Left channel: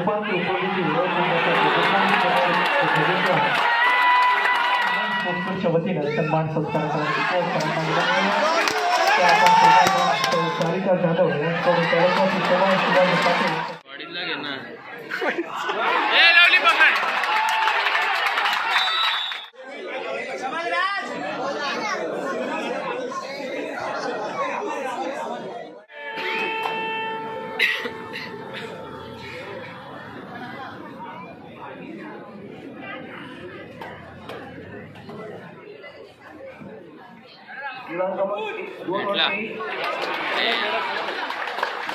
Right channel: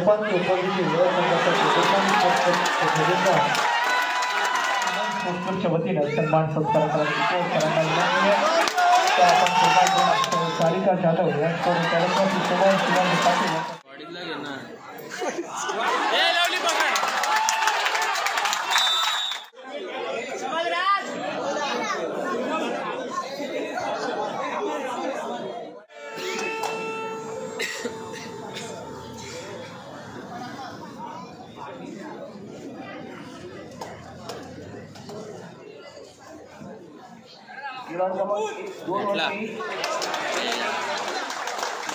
उपांत्य उपविजेते स्पोर्ट्सच्या वतीनं सन्मान सत्कार सारिका जाधव यांच्याकडून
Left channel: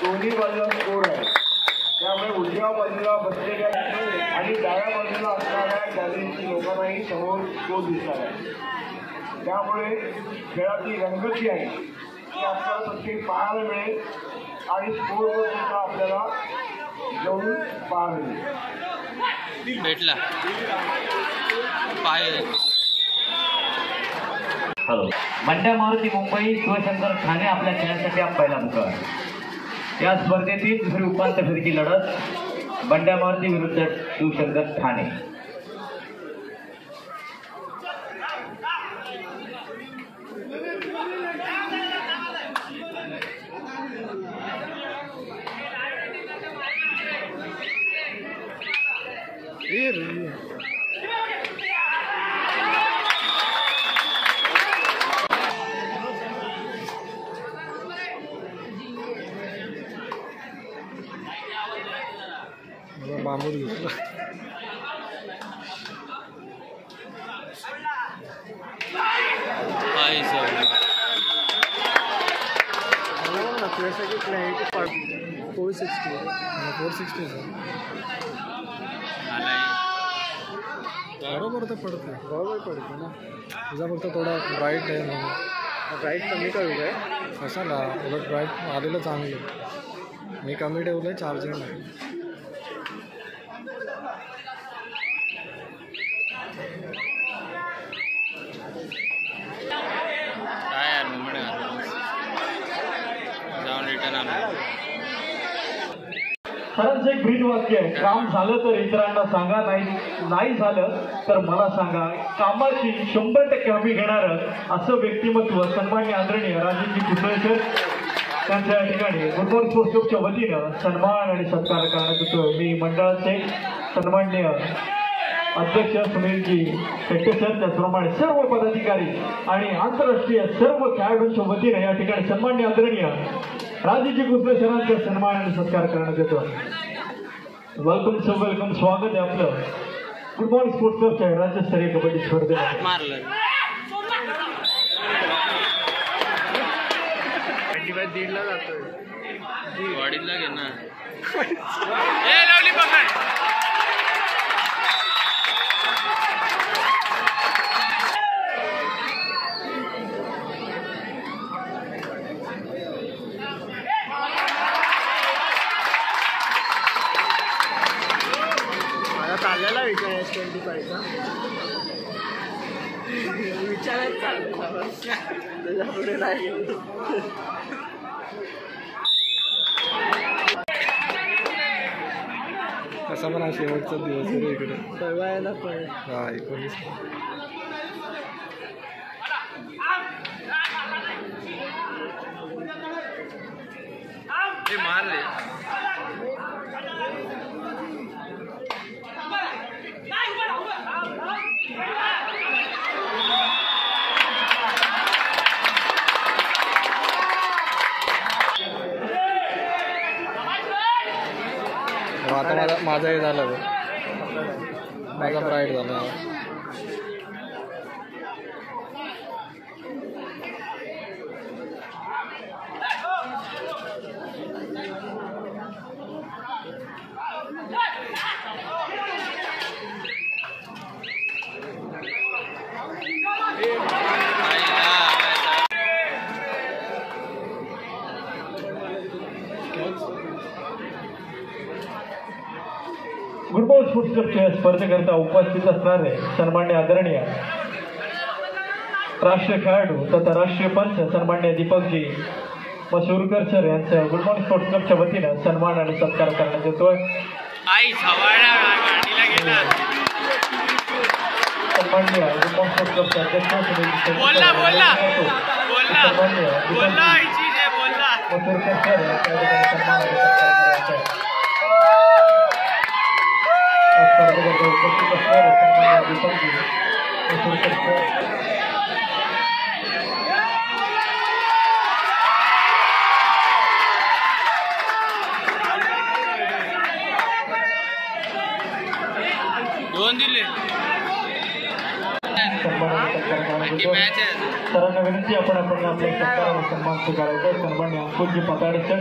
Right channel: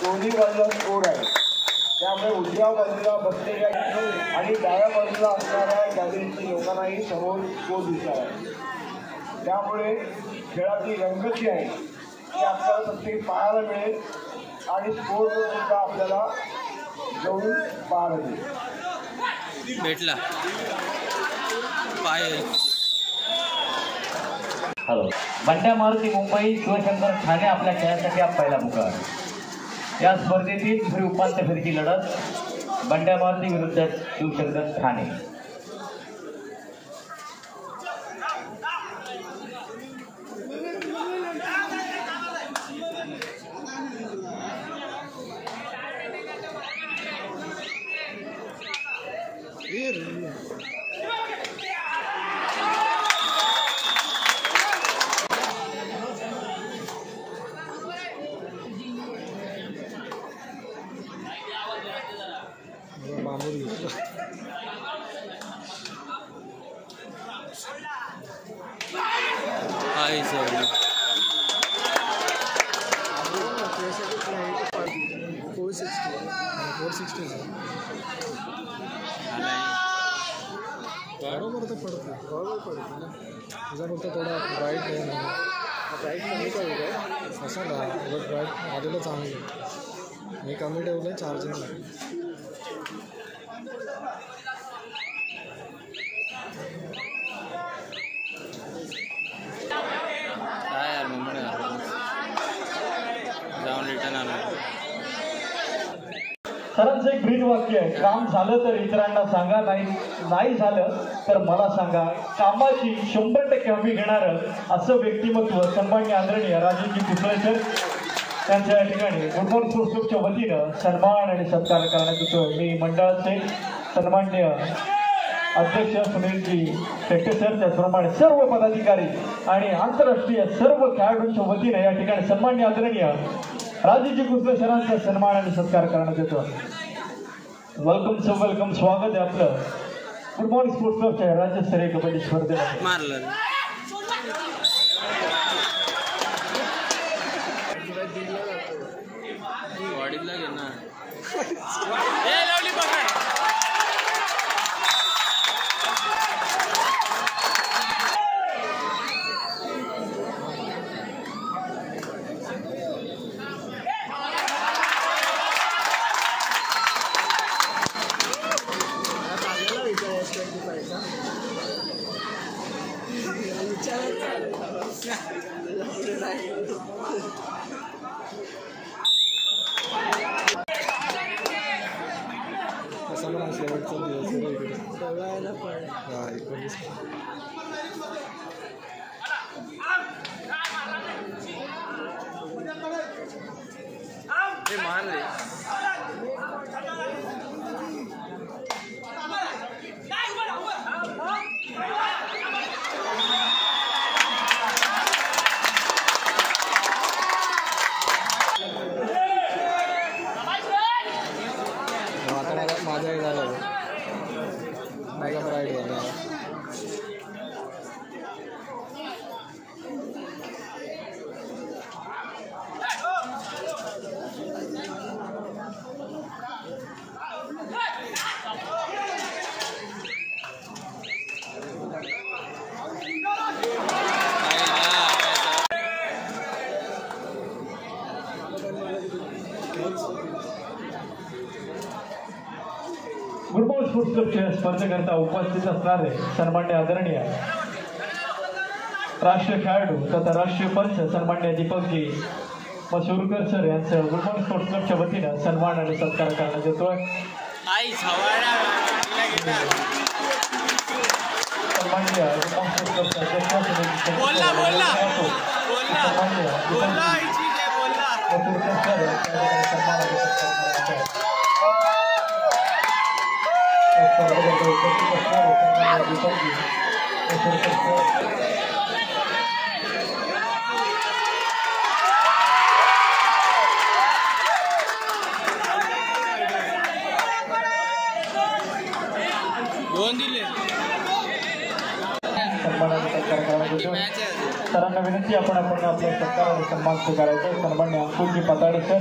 दोन्ही बाजूला स्कोर आहे, त्यामुळे उजव्या बाजूला बसलेल्या आणि डाव्या बाजूला असणाऱ्या गॅलरीची लोकांनाही समोर स्कोर दिसत आहे. त्यामुळे खेळाची रंगत जी आहे ती आपल्याला प्रत्येक पाहायला मिळेल आणि स्कोरवर सुद्धा आपल्याला जवळून पाहायला मिळेल. भेटला पाय. हॅलो, बंड्या मारुती मुंबई शिवशंकर ठाणे आपल्या खेळासाठी पहिला मुकाम. या स्पर्धेतील दुसरी उपांत्य फेरीची लढत बंड्या मारुती विरुद्ध शिवशंकर ठाणे. मामूर घेतला. बरोबर तर पडते, बरोबर पडते ना. तुझा फक्त थोडा ब्राईट आहे म्हणून. ब्राईट कमी कमी काय कशाला, उलट ब्राईट आलेलं चांगलं. मी कमी ठेवलं आहे चार्जिंग नाही. खरंच एक ब्रीद वाक्य आहे, काम झालं तर इतरांना सांगा, नाही झालं तर मला सांगा. कामाची 100% हमी घेणारं असं व्यक्तिमत्व सन्मान्य आदरणीय राजेजी कुसळकर त्यांच्या या ठिकाणी फुटबॉल स्पोर्ट्स क्लबच्या वतीनं सन्मान आणि सत्कार करण्यात येतो. मी मंडळाचे सन्मान्य अध्यक्ष सुनीलजी शेट्टे सर, त्याचप्रमाणे सर्व पदाधिकारी आणि आंतरराष्ट्रीय सर्व खेळाडूंच्या वतीने या ठिकाणी सन्मान्य आदरणीय राजेजी कुसळे सरांचा सन्मान आणि सत्कार करण्यात येतो. वेलकम सो वेलकम, स्वागत आहे आपलं फुटबॉल स्पोर्ट्स क्लबच्या राज्यस्तरीय कबड्डी स्पर्धेत. वाडीला घे ना. कसा पण शेवटचा दिवस आहे इकडे. हा 19 मारले. आता माझा हे झालं, माझा ब्राईट झाला. फुटबॉल स्पोर्ट्स क्लबच्या स्पर्धेकरता उपस्थित असणारे सन्मान्य आदरणीय राष्ट्रीय खेळाडू तथा राष्ट्रीय पंच सन्मान्य दीपकजी मसूरकर सर यांचं फुटबॉल स्पोर्ट्स क्लबच्या वतीनं सन्मान आणि सत्कार करण्यात येतोय. आई छवाडा गाडीला गेला. बोलला बोलला बोलला बोलला आईची जे बोलला. दोन दिले. मॅच आहे. सरांना विनंती आपण आपल्या सरकारवर सन्मान स्वीकारायचा. सन्मान्य अंकुशजी पताडे सर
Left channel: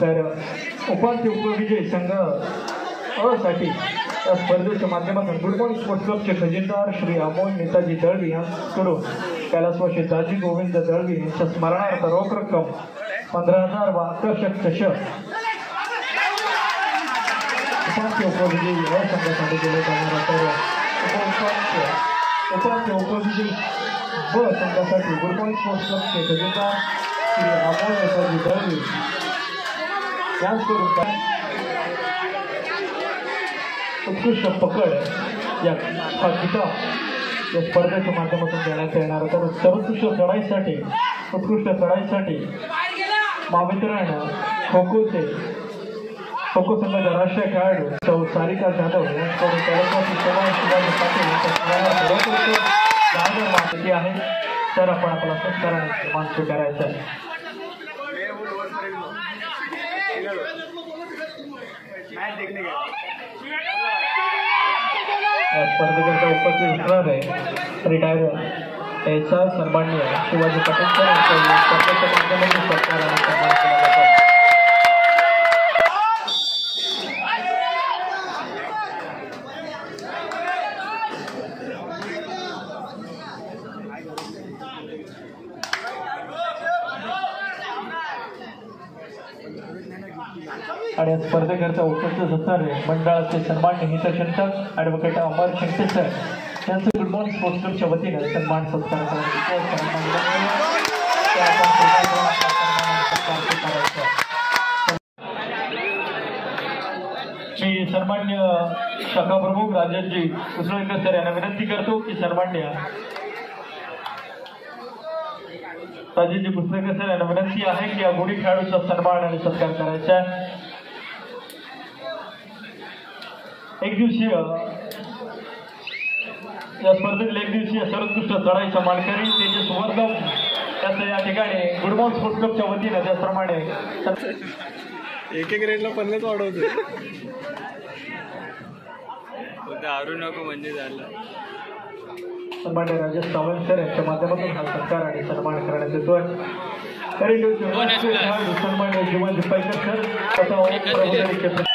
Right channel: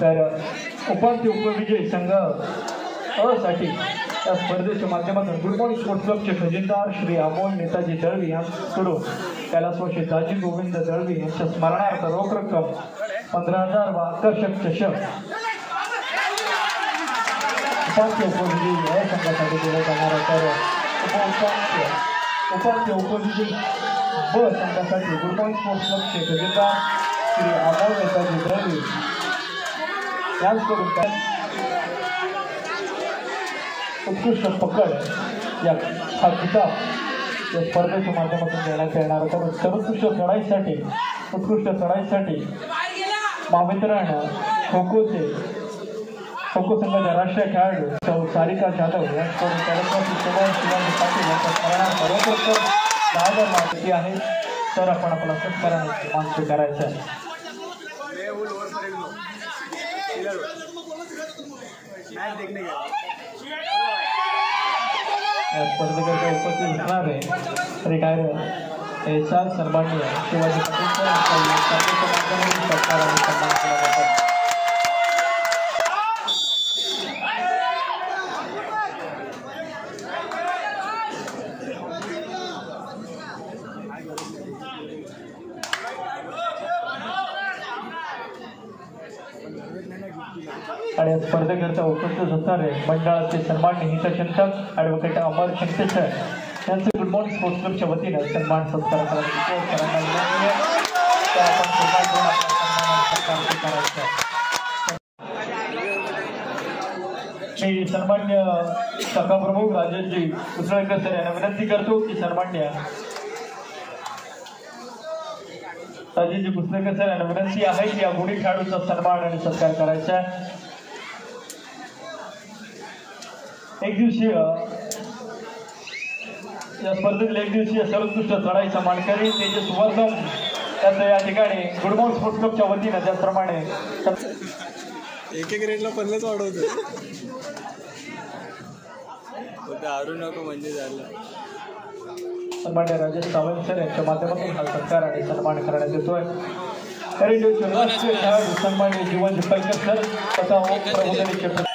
तर उपांत्य उपविजयी संघ अ साठी या स्पर्धेच्या माध्यमातून गुडबॉल स्पोर्ट्स क्लबचे खजिनदार श्री अमोल नेताजी दळवी यांच्याकडून कैलासवासी दाजी गोविंद दळवी यांच्या स्मरणार्थ रोख रक्कम 15,000 व आकर्षक चषक उपांत्य उपविजयी अ संघासाठी दिले जाणार आहे. तर उपांत्य उपविजयी ब संघासाठी गुडबॉल स्पोर्ट्स क्लबचे खजिनदार श्री अमोल नेताजी दळवी यांच्याकडून उत्कृष्ट पकड या हा किताब या स्पर्धेच्या माध्यमातून देण्यात येणार आहे. तर सर्वोत्कृष्ट चढाईसाठी महावितरण खो खो संघाच्या राष्ट्रीय खेळाडू सौ सारिका जाधव यांच्याकडून कैलासवासी शिवाजी पाटील यांच्या स्मरणार्थ रोख रक्कम 10,000 माहिती आहे. तर आपण आपला सत्काराने सन्मान स्वीकारायचा आहे. या स्पर्धेकरता उपस्थित असणारे रिटायर एस.आर. सन्माननीय शिवाजी पाटील सर यांच्या स्पर्धेच्या माध्यमातून सत्काराने सन्मान केला. आणि या स्पर्धेकरता उपस्थित असणारे मंडळाचे सन्मान्य हितचिंतक ॲडव्होकेट अमर शंकर सर यांचं गुड मॉर्निंग स्पोर्ट्स क्लबच्या वतीने सन्मान सत्कार मी सन्मान्य शाखा प्रमुख राजेशजी उसळकर सर यांना विनंती करतो की सन्मान्य राजेशजी पुस्तकर सर यांना विनंती आहे की या गुणी खेळाडूचा सन्मान आणि सत्कार करायचा. एक दिवसीय या स्पर्धेतील एक दिवसीय सर्वोत्कृष्ट चढाईचा मानकरी तेजस वर्धन त्यांचं या ठिकाणी गुडबॉल स्पोर्ट्स क्लबच्या वतीने त्याचप्रमाणे एक रेटला 50 वाढवते. दारू नको म्हणजे झालं. सन्मान्य राजेश सावंत सर यांच्या माध्यमातून हा सत्कार आणि सन्मान करण्यात येतोय. सन्मान्य जीवन दिपायकर सर तथा प्रबोधन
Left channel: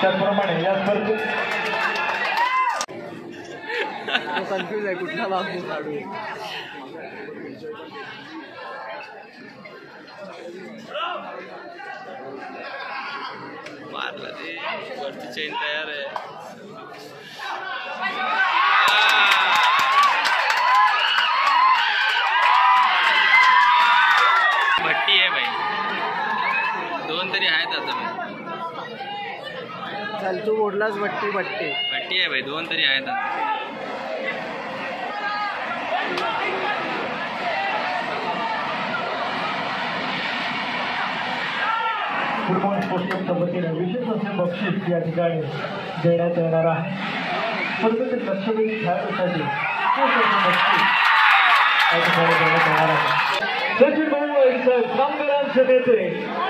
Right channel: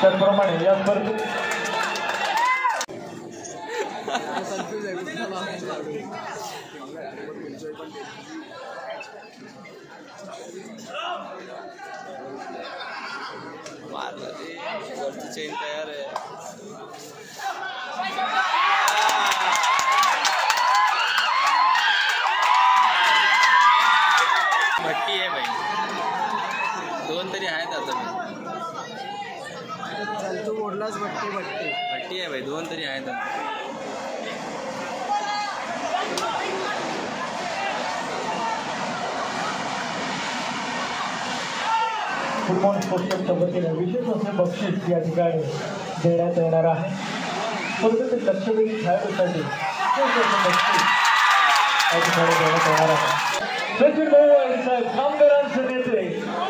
त्याचप्रमाणे या स्पर्धेत कन्फ्यूज आहे कुठला लागू काढू. मारला ते वरती चेन तयार आहे. भट्टी आहे भाई. दोन तरी आहेत आता. चल तू ओढलाच भट्टी भट्टी आहे भाई. दोन तरी आहेत आता. गुडबॉल स्पोर्ट्स क्लबच्या वतीने विशेष असे बक्षीस या ठिकाणी देण्यात येणार आहे. स्पर्धेतील लक्षवेधी खेळाडूसाठी बक्षीस या ठिकाणी देण्यात येणार आहे. सचिन भाऊ वाईट साहेब कामगारांचे नेते,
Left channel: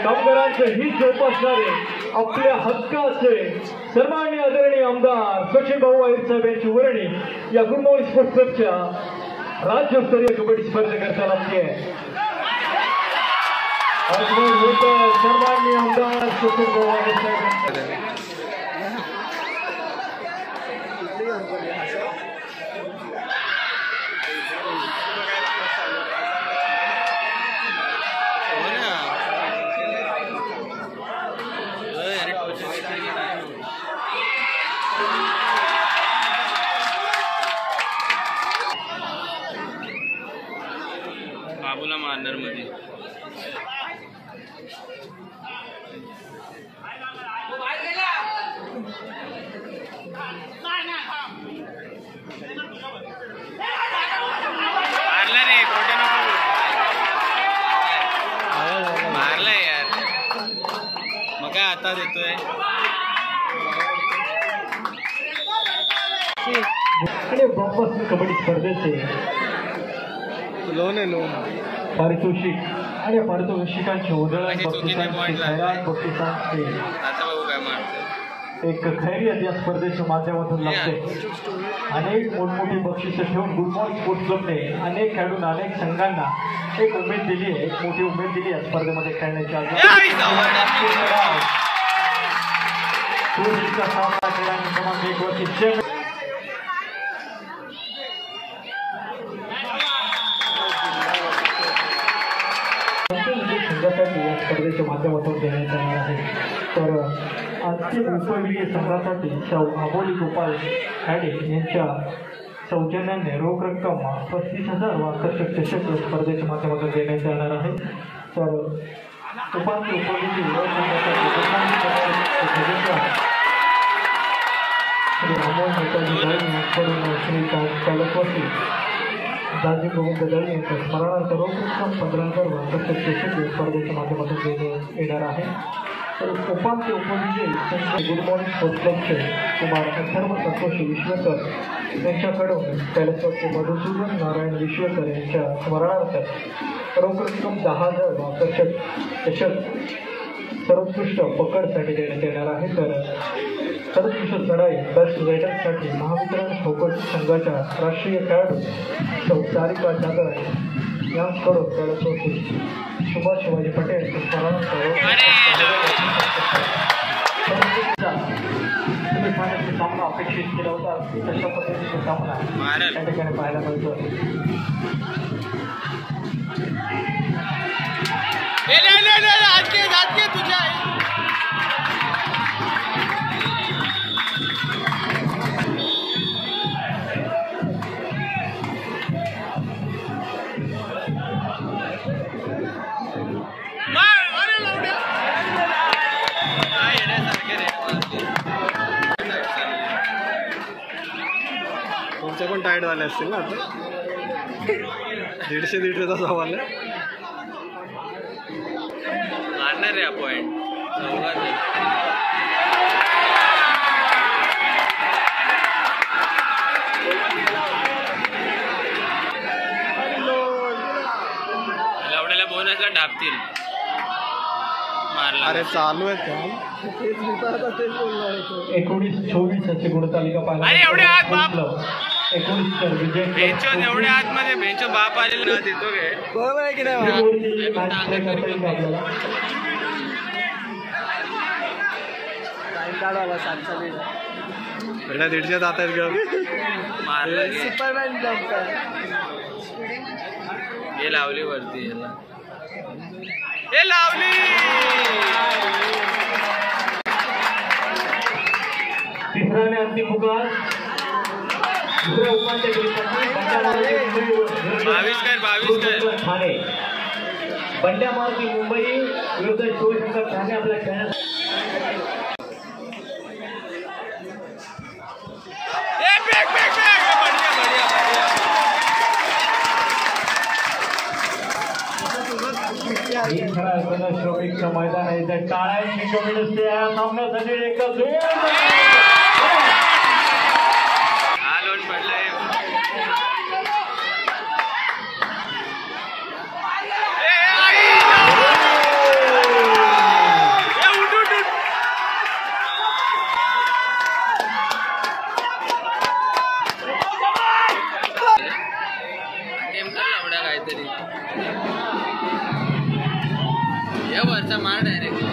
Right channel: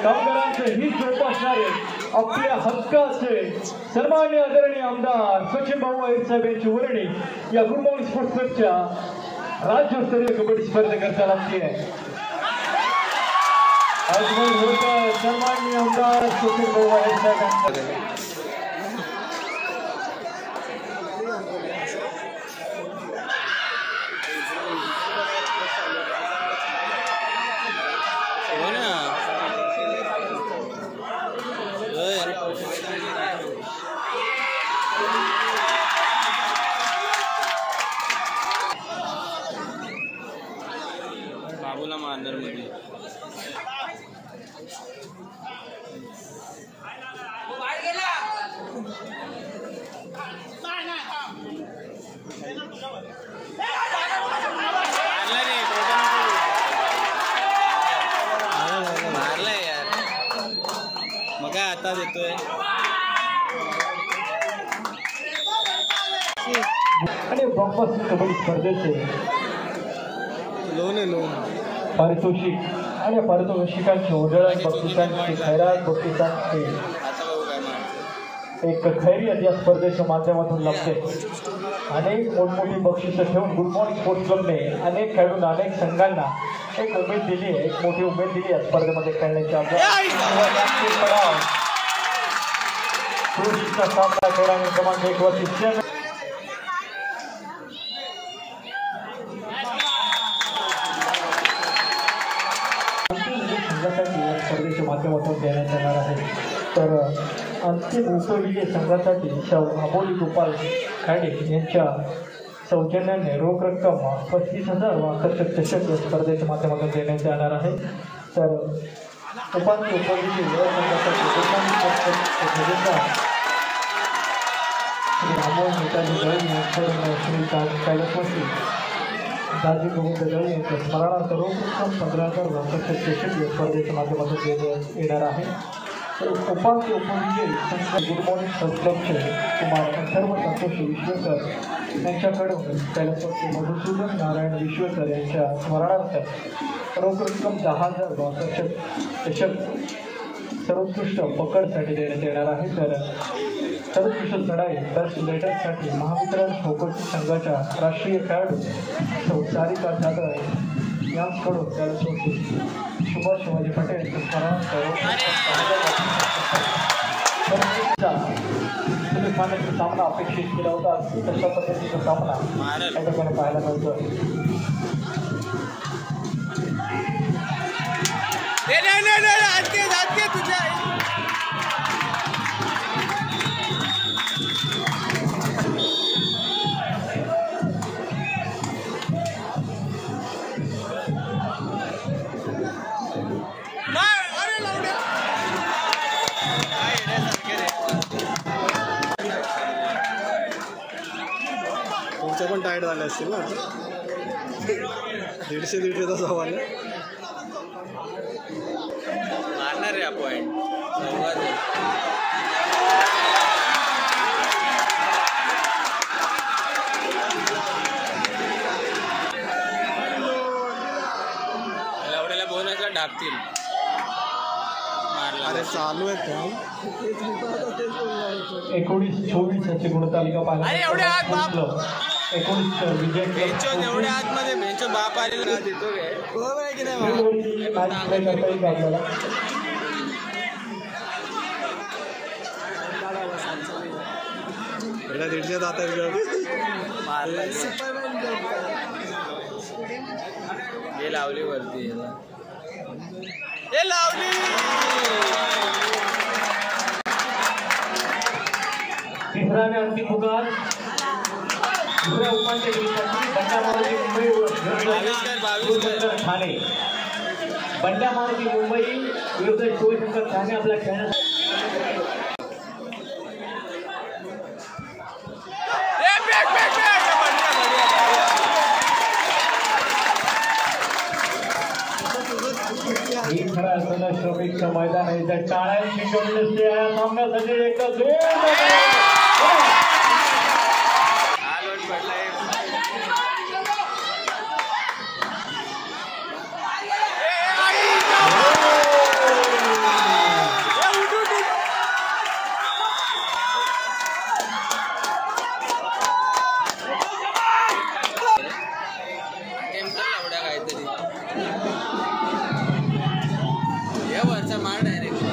कामगारांचे हित जोपासणारे, आपल्या हक्काचे सन्माननीय आदरणीय आमदार सचिन भाऊ वाईट साहेब यांची वर्णी या गुडबॉल स्पोर्ट्स क्लबच्या राज्यस्तरीय कबड्डी स्पर्धेकरता लागते आहे. सन्माननीय आमदार सचिन भाऊ वाईट साहेब Oh, बाबूला मारणार मध्ये. मारला रे, खोटं नको मारला यार. मग काय आता देतोय. आणि बॉक्स कबड्डी स्पर्धेचे लोन आहे लोन. पारितोषिक आणि पारितोषिकांचे उधळण बक्षिसांचे खैरात बक्षिसांचे आता बघू काय मारतो. एक खैरियत या स्पर्धेच्या माध्यमातून लागते. अनेक मोठमोठी बक्षिसं ठेवून गुड मॉर्निंग स्पोर्ट्स क्लबने अनेक खेळाडूंना अनेक संघांना एक उमेद दिली आहे, एक मोठी उमेद दिली या स्पर्धेमध्ये खेळण्याची. सामना खेळाने क्रमांक 1 वरती संघासाठी या स्पर्धेच्या माध्यमातून देण्यात येणार आहे. तर अंतिम उपविजेय संघासाठी अबोली गोपाल खाडे यांच्या सौजन्याने रोख रक्कम 35,000 व आकर्षक चषक स्पर्धेच्या माध्यमातून देण्यात येणार आहे. तर उपांत्य उपविजेय दाजी गोविंद दळी यांच्या स्मरणार्थ रोख रक्कम 15,000 व आकर्षक चषक स्पर्धेच्या माध्यमातून देण्यात येणार आहे. उपांत्य उपविजयी गुड मॉर्निंग स्पोर्ट्स क्लबचे कुमार अथर्व संतोषी विश्वेकर यांच्याकडून कैलासवासी मधुसूदन नारायण विश्वेकर यांच्या स्मरणार्थ रोख रक्कम 10,000 व आकर्षक चषक सर्वोत्कृष्ट पकडसाठी देण्यात येणार आहे. तर सर्वोत्कृष्ट चढाई बेस्ट रायडरसाठी महावितरण ठोकर संघाच्या राष्ट्रीय खेळाडू सारिका जागर यांच्याकडून कैलासवासी सुभाष शिवाजी पटेल पाण्याचा सामना अपेक्षित केला होता. तशा पद्धतीचा सामना या ठिकाणी पाहायला मिळतो. तुमच्या पण टाईट झाले असतील ना आता. 150-150चा सवाल आहे. मारणार रे पॉइंट. लवड्याला बोनसला ढापतील. मारला. अरे चालू आहे काम. 19-24 अशी गुणतालिका पाहिली. अरे एवढे हात बाप. 19 विजय बेंचो एवढ्या आतमध्ये बेंचो बाप आलेला देतो काय. बरोबर आहे की नाही. करता येईल का आपल्याला. पहिला 150 जात आहेत का. मारला हे लावली वरती. याला हे लावली. तिसरा आणि अंतिम पुकार दुसऱ्या उपांत्य फेरीसाठी ठाणे. बंड्या मारुती मुंबई विरुद्ध शिवशंकर ठाणे आपल्या खेळण्यात. ही खरा असताना शोभिकचं मैदान आहे. त्या टाळ्यांची कमी नसते या सामन्यासाठी. एकच हा लोट पडलाय. काहीतरी या वरचा मार डायरेक्ट.